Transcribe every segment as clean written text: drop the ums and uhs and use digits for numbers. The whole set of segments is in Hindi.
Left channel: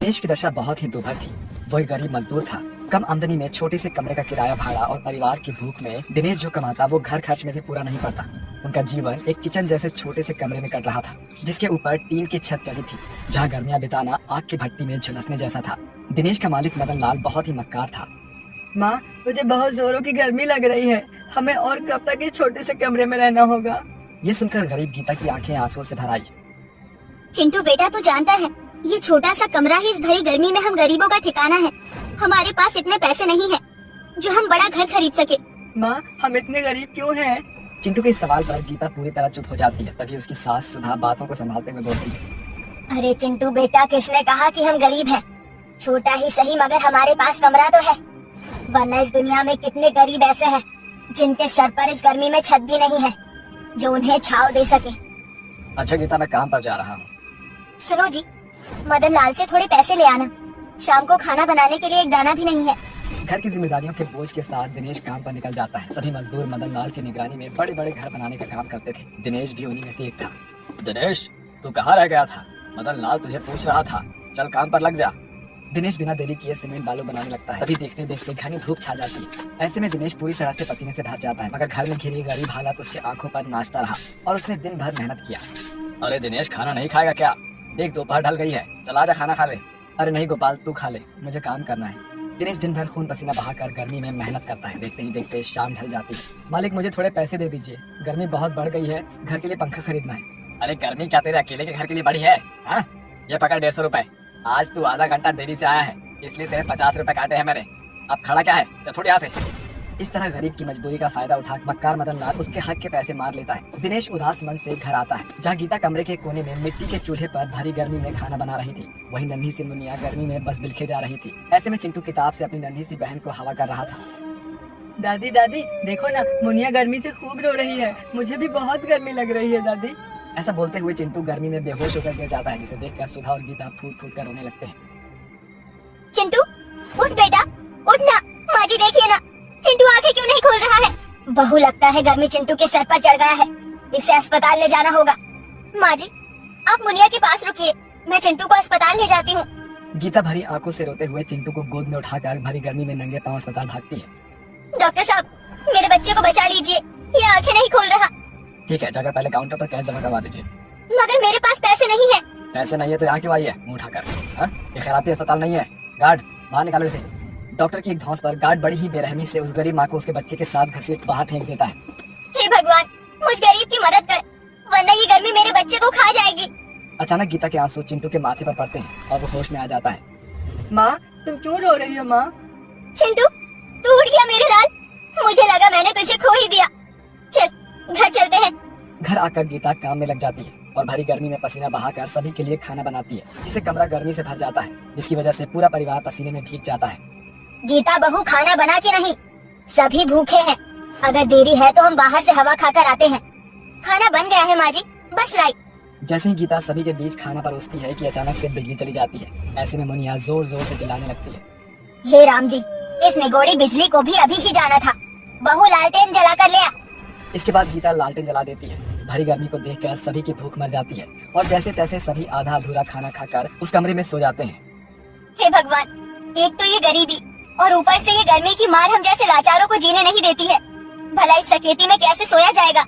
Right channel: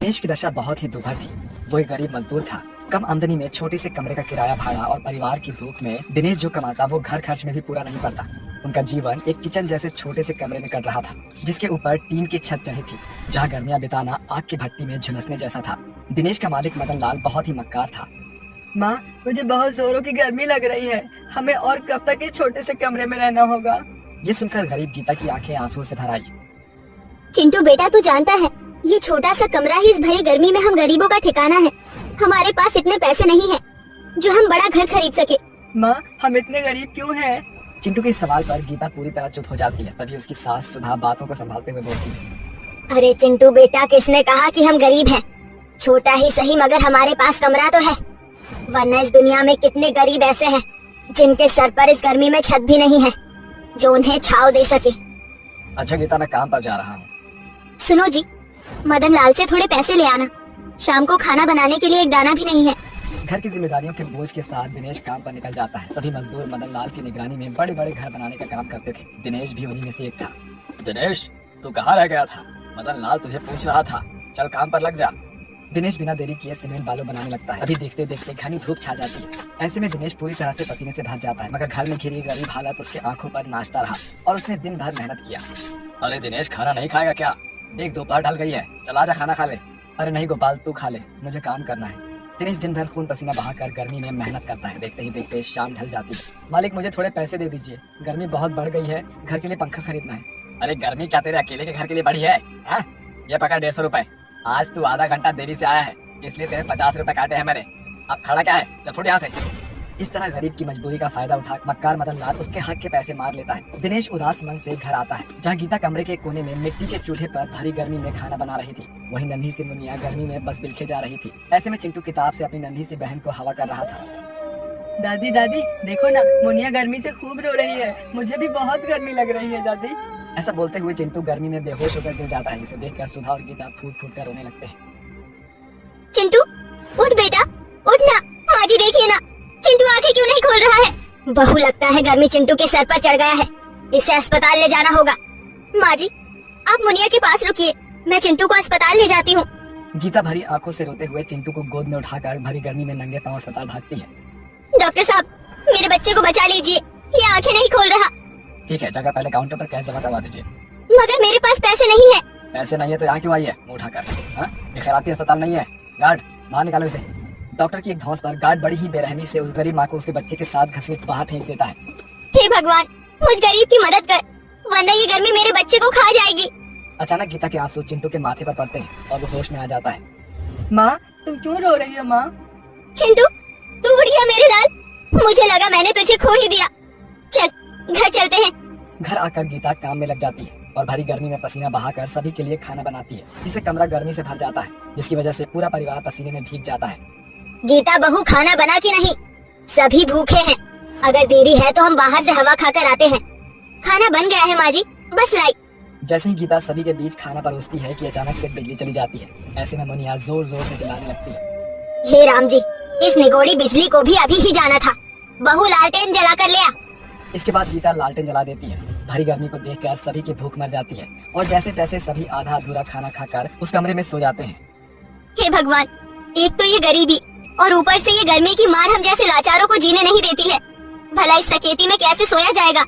देश की दशा बहुत ही दुर्भर थी। वो एक गरीब मजदूर था। कम आमदनी में छोटे से कमरे का किराया भाड़ा और परिवार की भूख में दिनेश जो कमाता वो घर खर्च में भी पूरा नहीं पड़ता। उनका जीवन एक किचन जैसे छोटे से कमरे में कट रहा था, जिसके ऊपर टीन की छत चढ़ी थी, जहाँ गर्मियाँ बिताना आग की भट्टी में झुलसने जैसा था। दिनेश का मालिक मदन लाल बहुत ही मक्कार था। माँ, मुझे बहुत जोरों की गर्मी लग रही है। हमें और कब तक इस छोटे से कमरे में रहना होगा? ये सुनकर गरीब गीता की आंखें आंसुओं से भर आई। चिंटू बेटा, तू जानता है ये छोटा सा कमरा ही इस भरी गर्मी में हम गरीबों का ठिकाना है। हमारे पास इतने पैसे नहीं है जो हम बड़ा घर खरीद सके। माँ, हम इतने गरीब क्यों हैं? चिंटू के इस सवाल पर गीता पूरी तरह चुप हो जाती है। तभी उसकी सास सुधा बातों को संभालते हुए बोलती है, अरे चिंटू बेटा, किसने कहा कि हम गरीब हैं? छोटा ही सही मगर हमारे पास कमरा तो है, वरना इस दुनिया में कितने गरीब ऐसे हैं जिनके सर पर इस गर्मी में छत भी नहीं है जो उन्हें छांव दे सके। अच्छा गीता, मैं काम पर जा रहा हूँ। सुनो जी, मदन लाल से थोड़े पैसे ले आना। शाम को खाना बनाने के लिए एक दाना भी नहीं है। घर की जिम्मेदारियों के बोझ के साथ दिनेश काम पर निकल जाता है। सभी मजदूर मदन लाल की निगरानी में बड़े बड़े घर बनाने का काम करते थे। दिनेश भी उन्हीं में से एक था। दिनेश, तू कहाँ रह गया था? मदन लाल तुझे पूछ रहा था, चल काम पर लग जा। दिनेश बिना देरी किए सीमेंट बालू बनाने लगता है। अभी देखते देखते घनी धूप छा जाती है। ऐसे में दिनेश पूरी तरह से पसीने से भर जाता है, मगर घर में खिली गरीब हालात उसकी आंखों पर नाचता रहा और उसने दिन भर मेहनत किया। अरे दिनेश, खाना नहीं खाएगा क्या? एक दोपहर ढल गई है, चला जा खाना खा ले। अरे नहीं गोपाल, तू खा ले, मुझे काम करना है। दिनेश दिन भर खून पसीना बहाकर गर्मी में मेहनत करता है। देखते ही देखते शाम ढल जाती है। मालिक, मुझे थोड़े पैसे दे दीजिए, गर्मी बहुत बढ़ गई है, घर के लिए पंखा खरीदना है। अरे गर्मी क्या तेरे अकेले के घर के लिए बड़ी है? ये पकड़ 150 रुपए। आज तू आधा घंटा देरी से आया है, इसलिए तेरे 50 रुपए काटे हैं मैंने। अब खड़ा क्या है, चल थोड़ी यहाँ से। इस तरह गरीब की मजबूरी का फायदा उठा मक्कार मदन लाल उसके हक के पैसे मार लेता है। दिनेश उदास मन से घर आता है, जहाँ गीता कमरे के कोने में मिट्टी के चूल्हे पर भारी गर्मी में खाना बना रही थी। वही नन्ही सी मुनिया गर्मी में बस बिलखे जा रही थी। ऐसे में चिंटू किताब से अपनी नन्ही सी बहन को हवा कर रहा था। दादी दादी, देखो ना, मुनिया गर्मी से खूब रो रही है। मुझे भी बहुत गर्मी लग रही है दादी। ऐसा बोलते हुए चिंटू गर्मी में बेहोश होकर गिर जाता है। इसे देखकर सुधा और गीता फूट फूट कर रोने लगते हैं। चिंटू उठ बेटा, उठ ना। माँ जी देखिए ना, चिंटू आंखें क्यों नहीं खोल रहा है? बहू, लगता है गर्मी चिंटू के सर पर चढ़ गया है, इसे अस्पताल ले जाना होगा। माँ जी, आप मुनिया के पास रुकिए, मैं चिंटू को अस्पताल ले जाती हूँ। गीता भरी आंखों से रोते हुए चिंटू को गोद में उठाकर भरी गर्मी में नंगे पांव अस्पताल भागती है। डॉक्टर साहब, मेरे बच्चे को बचा लीजिए, ये आंखें नहीं खोल रहा। ठीक है, जगह पहले काउंटर पर कैश जमा करवा दीजिए। मगर मेरे पास पैसे नहीं है। पैसे नहीं है तो यहाँ क्यों आई है मुंह उठाकर? ये खैराती अस्पताल नहीं है। गार्ड, बाहर निकालो इसे। डॉक्टर की एक धौंस पर गार्ड बड़ी ही बेरहमी से उस गरीब माँ को उसके बच्चे के साथ घसीट बाहर फेंक देता है। हे भगवान, मुझ गरीब की मदद कर, वरना ये गर्मी मेरे बच्चे को खा जाएगी। अचानक गीता के आंसू चिंटू के माथे पर पड़ते हैं और वो होश में आ जाता है। माँ, तुम क्यों रो रही हो? माँ, चिंटू, तू उठ गया मेरे लाल। मुझे लगा मैंने तुझे खो ही दिया। चल घर चलते हैं। घर आकर गीता काम में लग जाती है और भरी गर्मी में पसीना बहाकर सभी के लिए खाना बनाती है, जिससे कमरा गर्मी से भर जाता है, जिसकी वजह से पूरा परिवार पसीने में भीग जाता है। गीता बहू, खाना बना कि नहीं? सभी भूखे हैं। अगर देरी है तो हम बाहर से हवा खाकर आते हैं। खाना बन गया है माँ जी, बस लाई। जैसे ही गीता सभी के बीच खाना परोसती है कि अचानक से बिजली चली जाती है। ऐसे में मुनिया जोर जोर से चिल्लाने लगती है, हे राम जी, इस निगोड़ी बिजली को भी अभी ही जाना था। बहू, लालटेन जला कर ले आ। इसके बाद गीता लालटेन जला देती है। भारी गर्मी को देखकर सभी की भूख मर जाती है और जैसे तैसे सभी आधा अधूरा खाना खाकर उस कमरे में सो जाते हैं। हे भगवान, एक तो ये गरीबी और ऊपर से ये गर्मी की मार हम जैसे लाचारों को जीने नहीं देती है। भला इस सकेती में कैसे सोया जाएगा?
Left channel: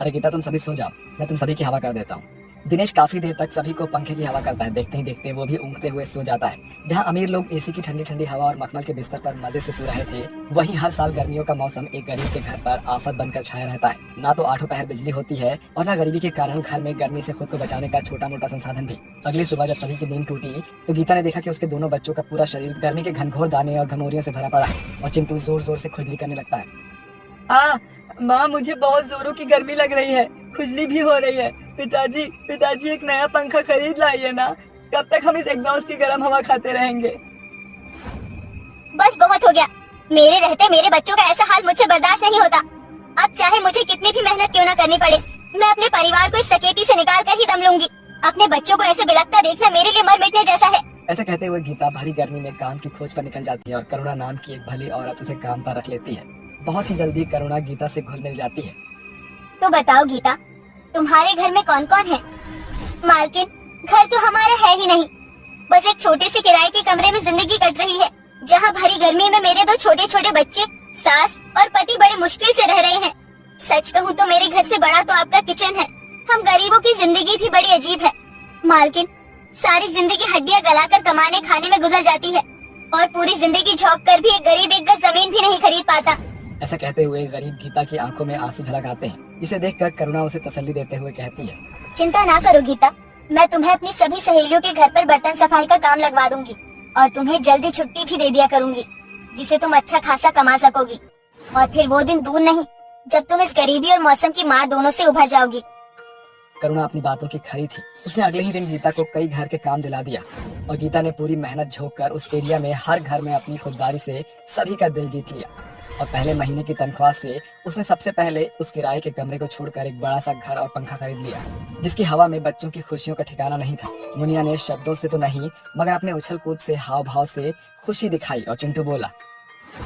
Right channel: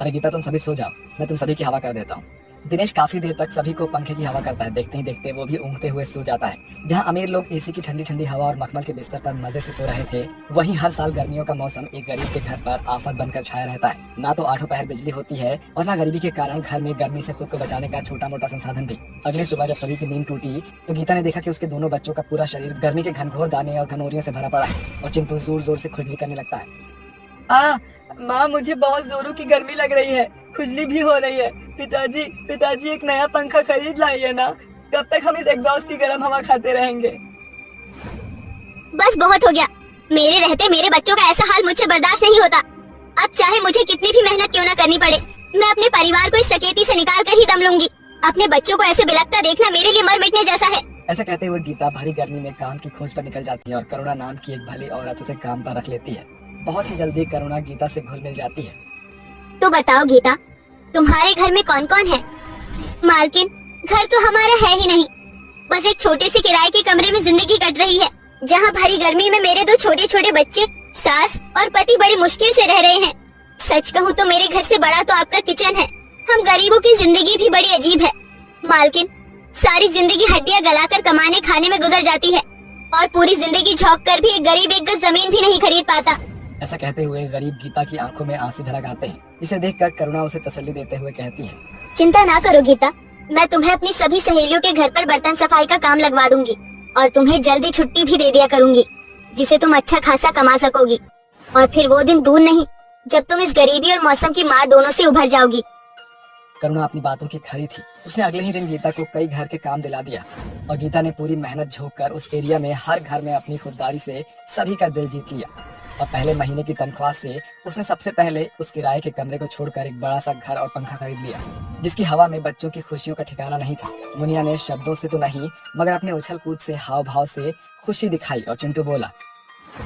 अरे गीता, तुम सभी सो जाओ, मैं तुम सभी की हवा कर देता हूँ। दिनेश काफी देर तक सभी को पंखे की हवा करता है। देखते ही देखते वो भी ऊँघते हुए सो जाता है। जहाँ अमीर लोग एसी की ठंडी ठंडी हवा और मखमल के बिस्तर पर मजे से सो रहे थे, वहीं हर साल गर्मियों का मौसम एक गरीब के घर पर आफत बनकर छाया रहता है। ना तो आठों पहर बिजली होती है और ना गरीबी के कारण घर में गर्मी से खुद को बचाने का छोटा मोटा संसाधन भी। अगली सुबह जब सभी की नींद टूटी तो गीता ने देखा कि उसके दोनों बच्चों का पूरा शरीर गर्मी के घनघोर दाने और घमौरियों से भरा पड़ा है और चिंटू जोर जोर से खुजली करने लगता है। माँ, मुझे बहुत जोरों की गर्मी लग रही है, खुजली भी हो रही है। पिताजी, पिताजी एक नया पंखा खरीद लाइए ना। कब तक हम इस एग्जॉस्ट की गर्म हवा खाते रहेंगे? बस बहुत हो गया। मेरे रहते मेरे बच्चों का ऐसा हाल मुझसे बर्दाश्त नहीं होता। अब चाहे मुझे कितनी भी मेहनत क्यों न करनी पड़े, मैं अपने परिवार को इस सकेती से निकाल कर ही दम लूंगी। अपने बच्चों को ऐसे बिलखता देखना मेरे लिए मर मिटने जैसा है। ऐसा कहते हुए गीता भारी गर्मी में काम की खोज पर निकल जाती है और करुणा नाम की एक भली औरत उसे काम पर रख लेती है। बहुत ही जल्दी करुणा गीता से घुल मिल जाती है। तो बताओ गीता, तुम्हारे घर में कौन कौन है? मालकिन, घर तो हमारा है ही नहीं, बस एक छोटे से किराए के कमरे में जिंदगी कट रही है, जहाँ भरी गर्मी में मेरे दो छोटे छोटे बच्चे, सास और पति बड़ी मुश्किल से रह रहे हैं। सच कहूँ तो मेरे घर से बड़ा तो आपका किचन है। हम गरीबों की जिंदगी भी बड़ी अजीब है मालकिन। सारी जिंदगी हड्डियाँ गलाकर कमाने खाने में गुजर जाती है और पूरी जिंदगी झोंक कर भी एक गरीब एक गज जमीन भी नहीं खरीद पाता। ऐसा कहते हुए गरीब गीता की आंखों में आंसू झलक आते हैं। इसे देखकर करुणा उसे तसल्ली देते हुए कहती है, चिंता ना करो गीता, मैं तुम्हें अपनी सभी सहेलियों के घर पर बर्तन सफाई का काम लगवा दूंगी और तुम्हें जल्दी छुट्टी भी दे दिया करूंगी, जिसे तुम अच्छा खासा कमा सकोगी। और फिर वो दिन दूर नहीं जब तुम इस गरीबी और मौसम की मार दोनों से उभर जाओगी। करुणा अपनी बातों की खरी थी। उसने अगले ही दिन गीता को कई घर के काम दिला दिया और गीता ने पूरी मेहनत झोंक कर उस एरिया में हर घर में अपनी खुददारी से सभी का दिल जीत लिया। और पहले महीने की तनख्वाह से उसने सबसे पहले उस किराए के कमरे को छोड़कर एक बड़ा सा घर और पंखा खरीद लिया, जिसकी हवा में बच्चों की खुशियों का ठिकाना नहीं था। मुनिया ने शब्दों से तो नहीं मगर अपने उछल कूद से हाव भाव से खुशी दिखाई और चिंटू बोला,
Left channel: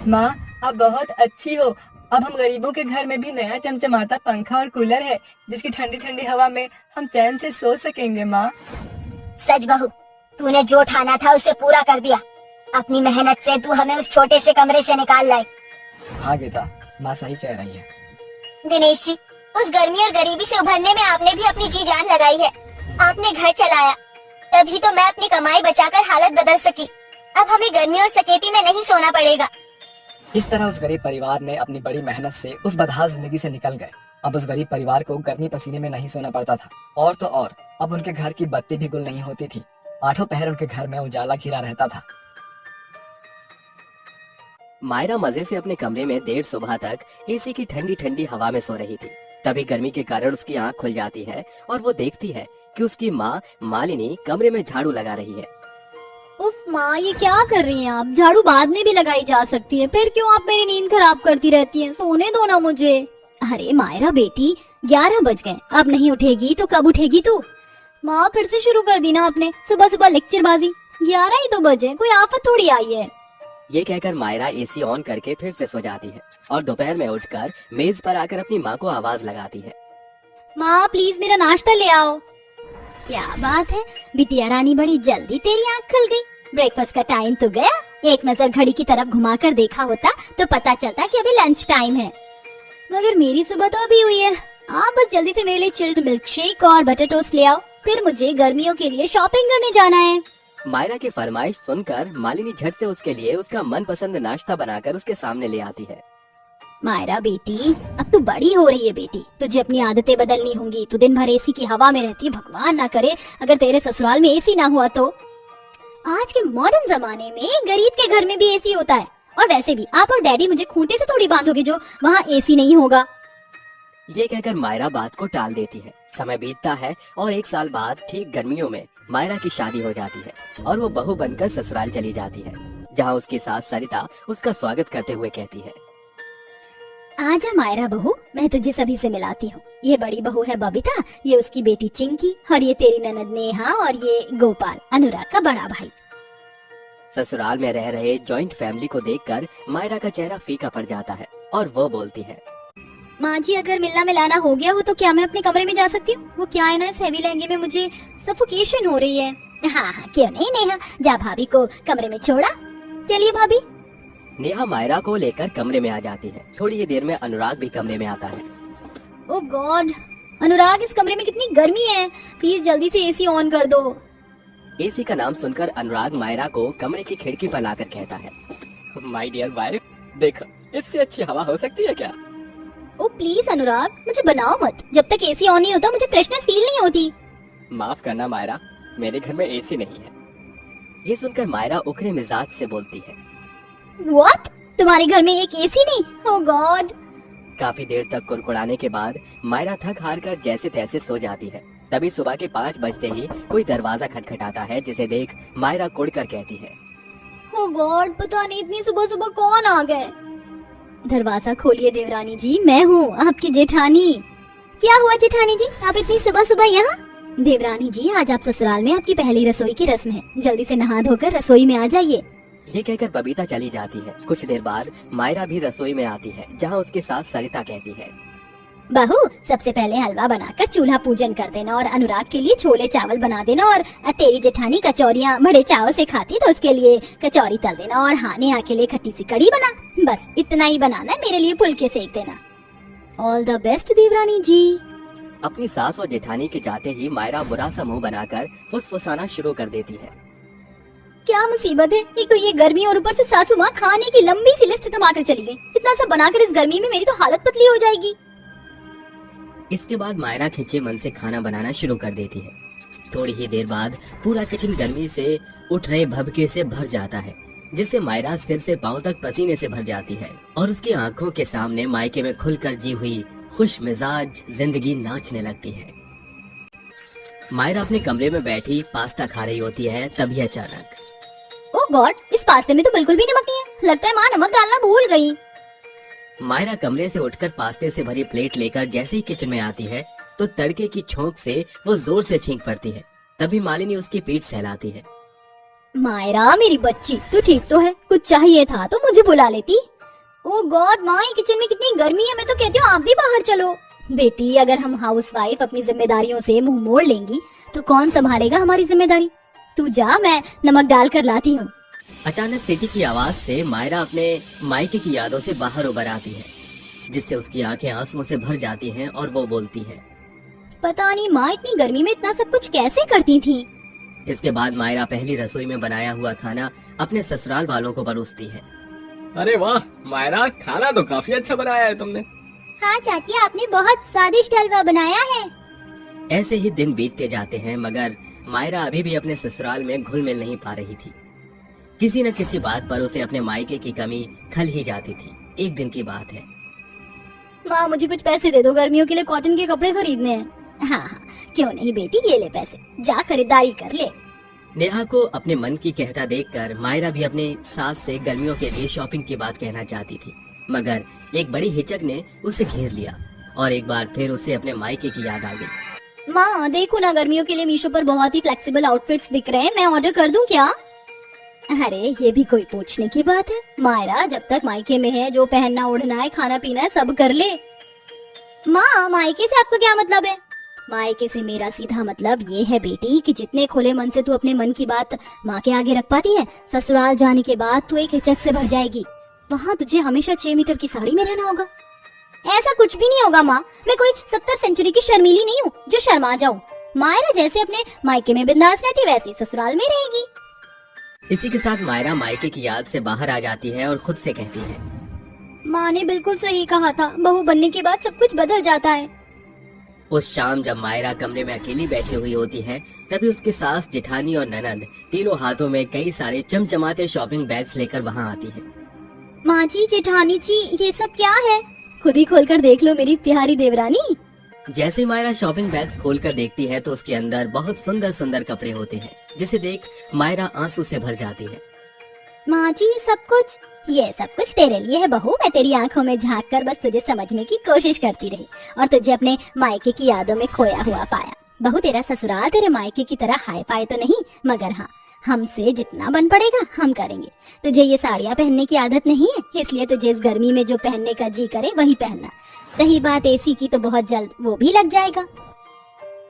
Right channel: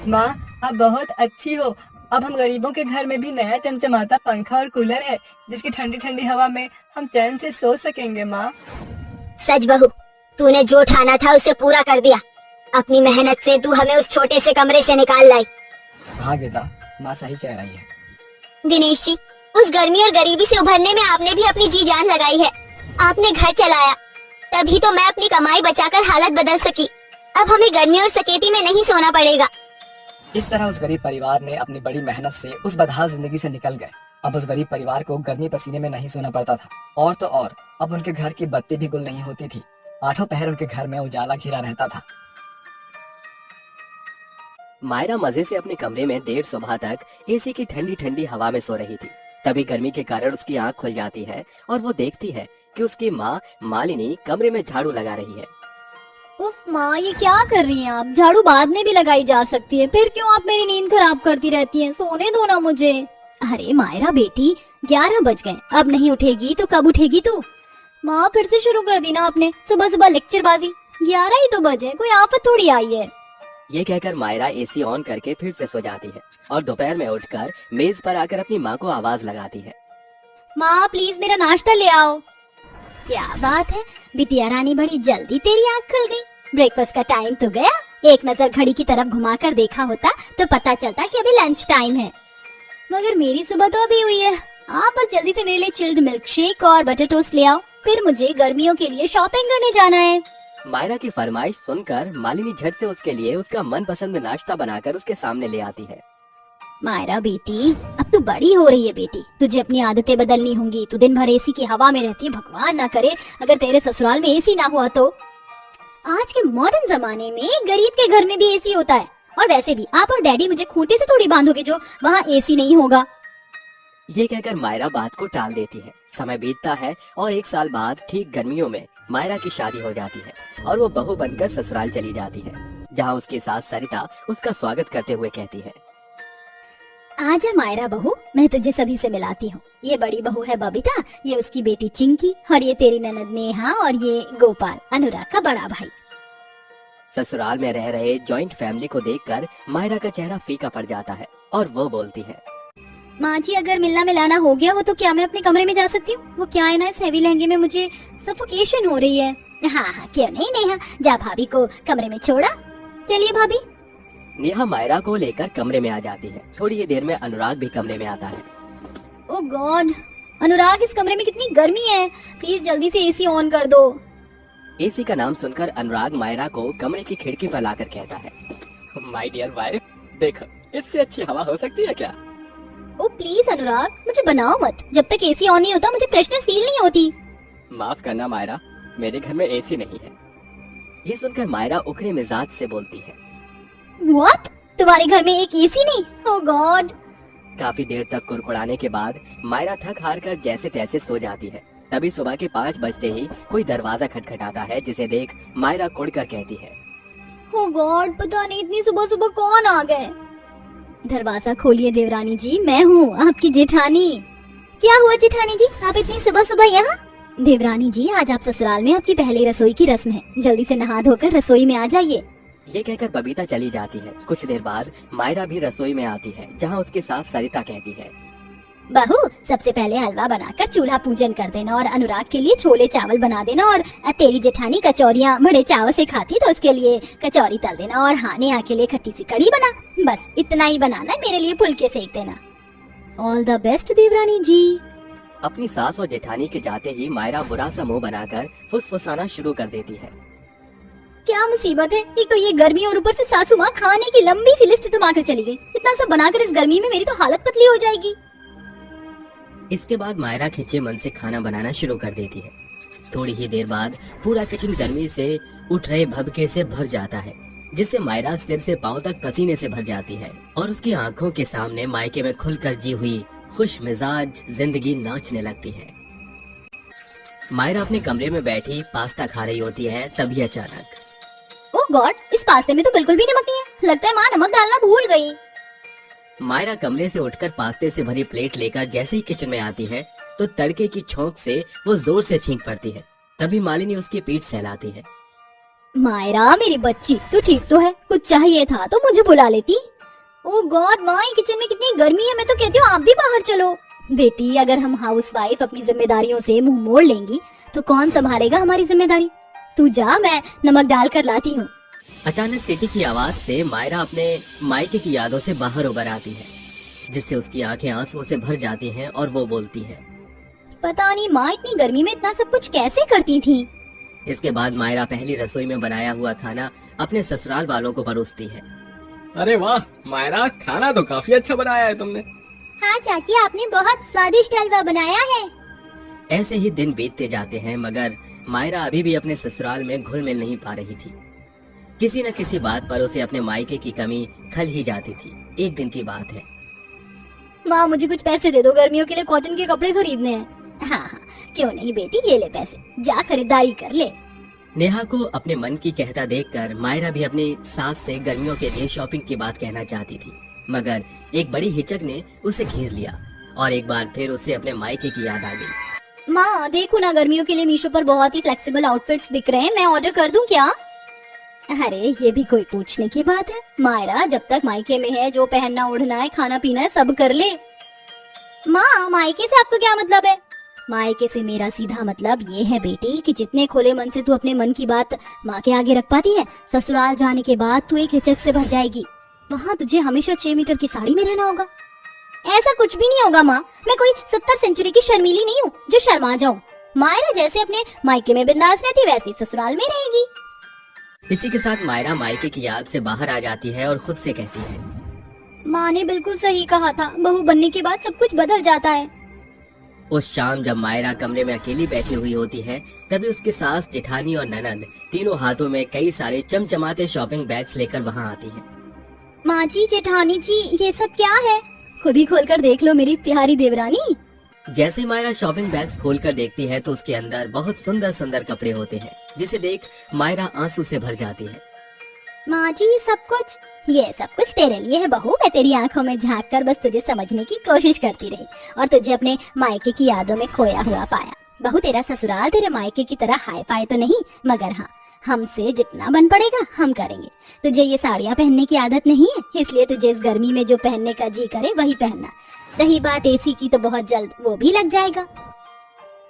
माँ आप बहुत अच्छी हो। अब हम गरीबों के घर में भी नया चमचमाता पंखा और कूलर है, जिसकी ठंडी ठंडी हवा में हम चैन से सो सकेंगे। माँ सच बहू, तूने जो ठाना था उसे पूरा कर दिया। अपनी मेहनत से तू हमें उस छोटे से कमरे से निकाल लाई। हाँ गीता, माँ सही कह रही है। दिनेश जी, उस गर्मी और गरीबी से उभरने में आपने भी अपनी जी जान लगाई है। आपने घर चलाया, तभी तो मैं अपनी कमाई बचाकर हालत बदल सकी। अब हमें गर्मी और सकेती में नहीं सोना पड़ेगा। इस तरह उस गरीब परिवार ने अपनी बड़ी मेहनत से उस बदहाल जिंदगी से निकल गए। अब उस गरीब परिवार को गर्मी पसीने में नहीं सोना पड़ता था। और तो और अब उनके घर की बत्ती भी गुल नहीं होती थी। आठों पहर उनके घर में उजाला घिरा रहता था। मायरा मजे से अपने कमरे में देर सुबह तक एसी की ठंडी ठंडी हवा में सो रही थी। तभी गर्मी के कारण उसकी आंख खुल जाती है और वो देखती है कि उसकी माँ मालिनी कमरे में झाड़ू लगा रही है। उफ माँ, ये क्या कर रही हैं आप? झाड़ू बाद में भी लगाई जा सकती है, फिर क्यों आप मेरी नींद खराब करती रहती हैं? सोने दो ना मुझे। अरे मायरा बेटी, 11 बज गए, अब नहीं उठेगी तो कब उठेगी तू? माँ फिर से शुरू कर दी ना आपने, सुबह सुबह लेक्चरबाजी। 11 ही तो बजे, कोई आफत थोड़ी आई है। ये कहकर मायरा एसी ऑन करके फिर से सो जाती है और दोपहर में उठकर मेज पर आकर अपनी माँ को आवाज लगाती है, माँ प्लीज मेरा नाश्ता ले आओ। क्या बात है बिटिया रानी, बड़ी जल्दी तेरी आँख खुल गई। ब्रेकफास्ट का टाइम तो गया। एक नजर घड़ी की तरफ घुमाकर देखा होता तो पता चलता कि अभी लंच टाइम है, मगर मेरी सुबह तो अभी हुई है। आप बस जल्दी से मेरे लिए चिल्ड मिल्क शेक और बटर टोस्ट ले आओ, फिर मुझे गर्मियों के लिए शॉपिंग करने जाना है। मायरा की फरमाइश सुनकर मालिनी झट से उसके लिए उसका मनपसंद नाश्ता बनाकर उसके सामने ले आती है। मायरा बेटी, अब तू बड़ी हो रही है बेटी, तुझे अपनी आदतें बदलनी होंगी। तू दिन भर एसी की हवा में रहती है, भगवान ना करे अगर तेरे ससुराल में एसी ना हुआ तो। आज के मॉडर्न जमाने में गरीब के घर में भी एसी होता है, और वैसे भी आप और डैडी मुझे खूंटे से थोड़ी बांधोगे जो वहाँ एसी नहीं होगा। ये कहकर मायरा बात को टाल देती है। समय बीतता है और 1 साल बाद ठीक गर्मियों में मायरा की शादी हो जाती है और वो बहू बनकर ससुराल चली जाती है, जहाँ उसकी सास सरिता उसका स्वागत करते हुए कहती है, आजा मायरा बहू, मैं तुझे सभी से मिलाती हूँ। ये बड़ी बहू है बबीता, ये उसकी बेटी चिंकी, और ये तेरी ननद नेहा, और ये गोपाल, अनुराग का बड़ा भाई। ससुराल में रह रहे जॉइंट फैमिली को देखकर मायरा का चेहरा फीका पड़ जाता है और वो बोलती है, माँ जी अगर मिलना मिलाना हो गया हो तो क्या मैं अपने कमरे में जा सकती हूँ? वो क्या है ना, इस हेवी लहंगे में मुझे सफोकेशन हो रही है। हाँ हाँ क्यों नहीं नेहा, जा भाभी को कमरे में छोड़ा। चलिए भाभी। नेहा मायरा को लेकर कमरे में आ जाती है। थोड़ी ही देर में अनुराग भी कमरे में आता है। ओह गॉड अनुराग, इस कमरे में कितनी गर्मी है, प्लीज जल्दी से एसी ऑन कर दो। एसी का नाम सुनकर अनुराग मायरा को कमरे की खिड़की पर लाकर कहता है, माय डियर वाइफ, देखो इससे अच्छी हवा हो सकती है क्या? ओ प्लीज अनुराग, मुझे बनाओ मत, जब तक एसी ऑन नहीं होता मुझे फ्रेशनेस फील नहीं होती। माफ करना मायरा, मेरे घर में एसी नहीं है। ये सुनकर मायरा उखड़े मिजाज से बोलती है, व्हाट, तुम्हारे घर में एक एसी नहीं? ओह गॉड। काफी देर तक कुड़कुड़ाने के बाद मायरा थक हार कर जैसे तैसे सो जाती है। तभी सुबह के 5 बजते ही कोई दरवाजा खटखटाता है, जिसे देख मायरा कुड़कर कहती है, ओह गॉड, पता नहीं इतनी सुबह सुबह कौन आ गए। दरवाजा खोलिए देवरानी जी, मैं हूँ आपकी जेठानी। क्या हुआ जेठानी जी, आप इतनी सुबह सुबह यहाँ? देवरानी जी आज आप ससुराल में आपकी पहली रसोई की रस्म है, जल्दी से नहा धोकर रसोई में आ जाइए। ये कहकर बबीता चली जाती है। कुछ देर बाद मायरा भी रसोई में आती है, जहाँ उसके साथ सरिता कहती है, बहू, सबसे पहले हलवा बनाकर चूल्हा पूजन कर देना और अनुराग के लिए छोले चावल बना देना, और तेरी जेठानी कचौरियाँ बड़े चाव से खाती तो उसके लिए कचौरी तल देना, और हाँ नेहा के लिए खट्टी सी कड़ी बना। बस इतना ही बनाना है, मेरे लिए फुलके सेक देना। ऑल द बेस्ट देवरानी जी। अपनी सास और जेठानी के जाते ही मायरा बुरा सा मुंह बनाकर फुसफुसाना शुरू कर देती है। क्या मुसीबत है, एक तो ये गर्मी और ऊपर से सासू माँ खाने की लंबी सी लिस्ट थमा कर चली गई। इतना सब बनाकर इस गर्मी में मेरी तो हालत पतली हो जाएगी। इसके बाद मायरा खिंचे मन से खाना बनाना शुरू कर देती है। थोड़ी ही देर बाद पूरा किचन गर्मी से उठ रहे भभके से भर जाता है, जिससे मायरा सिर से पांव तक पसीने से भर जाती है और उसकी आंखों के सामने मायके में खुलकर जी हुई खुश मिजाज जिंदगी नाचने लगती है। मायरा अपने कमरे में बैठी पास्ता खा रही होती है, तभी अचानक ओह गॉड, इस पास्ते में तो बिल्कुल भी नमक नहीं है। लगता है माँ नमक डालना भूल गई। मायरा कमरे से उठकर पास्ते से भरी प्लेट लेकर जैसे ही किचन में आती है तो तड़के की छोंक से वो जोर से छींक पड़ती है। तभी मालिनी उसकी पीठ सहलाती है। मायरा मेरी बच्ची, तो ठीक तो है, कुछ चाहिए था तो मुझे बुला लेती। ओह गॉड माँ, किचन में कितनी गर्मी है, मैं तो कहती हूँ आप भी बाहर चलो। बेटी, अगर हम हाउसवाइफ अपनी जिम्मेदारियों से मुंह मोड़ लेंगी तो कौन संभालेगा हमारी जिम्मेदारी। तू जा, मैं नमक डाल कर लाती हूँ। अचानक सीटी की आवाज से मायरा अपने मायके की यादों से बाहर उभर आती है, जिससे उसकी आंखें आंसुओं से भर जाती हैं और वो बोलती है, पता नहीं माँ इतनी गर्मी में इतना सब कुछ कैसे करती थी। इसके बाद मायरा पहली रसोई में बनाया हुआ खाना अपने ससुराल वालों को परोसती है। अरे वाह मायरा, खाना तो काफी अच्छा बनाया है तुमने। हाँ चाची, आपने बहुत स्वादिष्ट हलवा बनाया है। ऐसे ही दिन बीतते जाते हैं, मगर मायरा अभी भी अपने ससुराल में घुल मिल नहीं पा रही थी। किसी न किसी बात पर उसे अपने मायके की कमी खल ही जाती थी। एक दिन की बात है। माँ मुझे कुछ पैसे दे दो, गर्मियों के लिए कॉटन के कपड़े खरीदने हैं। हाँ हाँ, क्यों नहीं बेटी, ये ले पैसे, जा खरीदारी कर ले। नेहा को अपने मन की कहता देखकर मायरा भी अपनी सास से गर्मियों के लिए शॉपिंग की बात कहना चाहती थी, मगर एक बड़ी हिचक ने उसे घेर लिया और एक बार फिर उसे अपने मायके की याद आ गई। माँ देखो ना, गर्मियों के लिए मीशो पर बहुत ही फ्लेक्सिबल आउटफिट्स बिक रहे हैं, मैं ऑर्डर कर दूं क्या? अरे ये भी कोई पूछने की बात है। मायरा जब तक मायके में है, जो पहनना ओढ़ना है खाना पीना है सब कर ले। माँ मायके से आपका क्या मतलब है? मायके से मेरा सीधा मतलब ये है बेटी कि जितने खुले मन से तू अपने मन की बात माँ के आगे रख पाती है, ससुराल जाने के बाद तू एक हिचक से भर जाएगी। वहाँ तुझे हमेशा 6 मीटर की साड़ी में रहना होगा। ऐसा कुछ भी नहीं होगा माँ, मैं कोई 70 सेंचुरी की शर्मीली नहीं हूँ जो शर्मा जाऊँ। मायरा जैसे अपने मायके में बिंदास रहती वैसे ससुराल में रहेगी। इसी के साथ मायरा मायके की याद से बाहर आ जाती है और खुद से कहती है, माँ ने बिल्कुल सही कहा था, बहू बनने के बाद सब कुछ बदल जाता है। उस शाम जब मायरा कमरे में अकेली बैठी हुई होती है, तभी उसकी सास, जेठानी और ननंद तीनों हाथों में कई सारे चमचमाते शॉपिंग बैग्स लेकर वहाँ आती है। माँ जी, जेठानी जी, ये सब क्या है? खुद ही खोलकर देख लो मेरी प्यारी देवरानी। जैसे मायरा शॉपिंग बैग्स खोलकर देखती है तो उसके अंदर बहुत सुंदर सुंदर कपड़े होते हैं, जिसे देख मायरा आंसू से भर जाती है। माँ जी ये सब कुछ तेरे लिए है बहू। मैं तेरी आंखों में झांक कर बस तुझे समझने की कोशिश करती रही और तुझे अपने मायके की यादों में खोया हुआ पाया। बहू तेरा ससुराल तेरे मायके की तरह हाई फाई तो नहीं, मगर हाँ हमसे जितना बन पड़ेगा हम करेंगे। तुझे ये साड़ियाँ पहनने की आदत नहीं है, इसलिए तुझे इस गर्मी में जो पहनने का जी करे वही पहनना। रही बात एसी की तो बहुत जल्द वो भी लग जाएगा।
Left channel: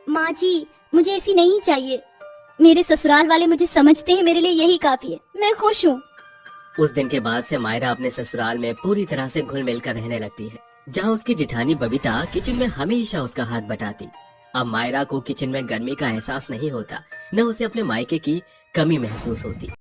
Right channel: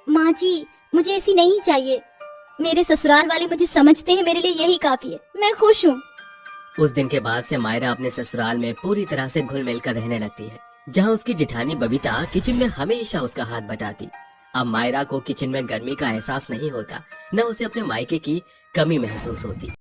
माँ जी मुझे एसी नहीं चाहिए, मेरे ससुराल वाले मुझे समझते हैं, मेरे लिए यही काफी है, मैं खुश हूँ। उस दिन के बाद से मायरा अपने ससुराल में पूरी तरह से घुल मिल कर रहने लगती है, जहाँ उसकी जेठानी बबीता किचन में हमेशा उसका हाथ बटाती। अब मायरा को किचन में गर्मी का एहसास नहीं होता, न उसे अपने मायके की कमी महसूस होती।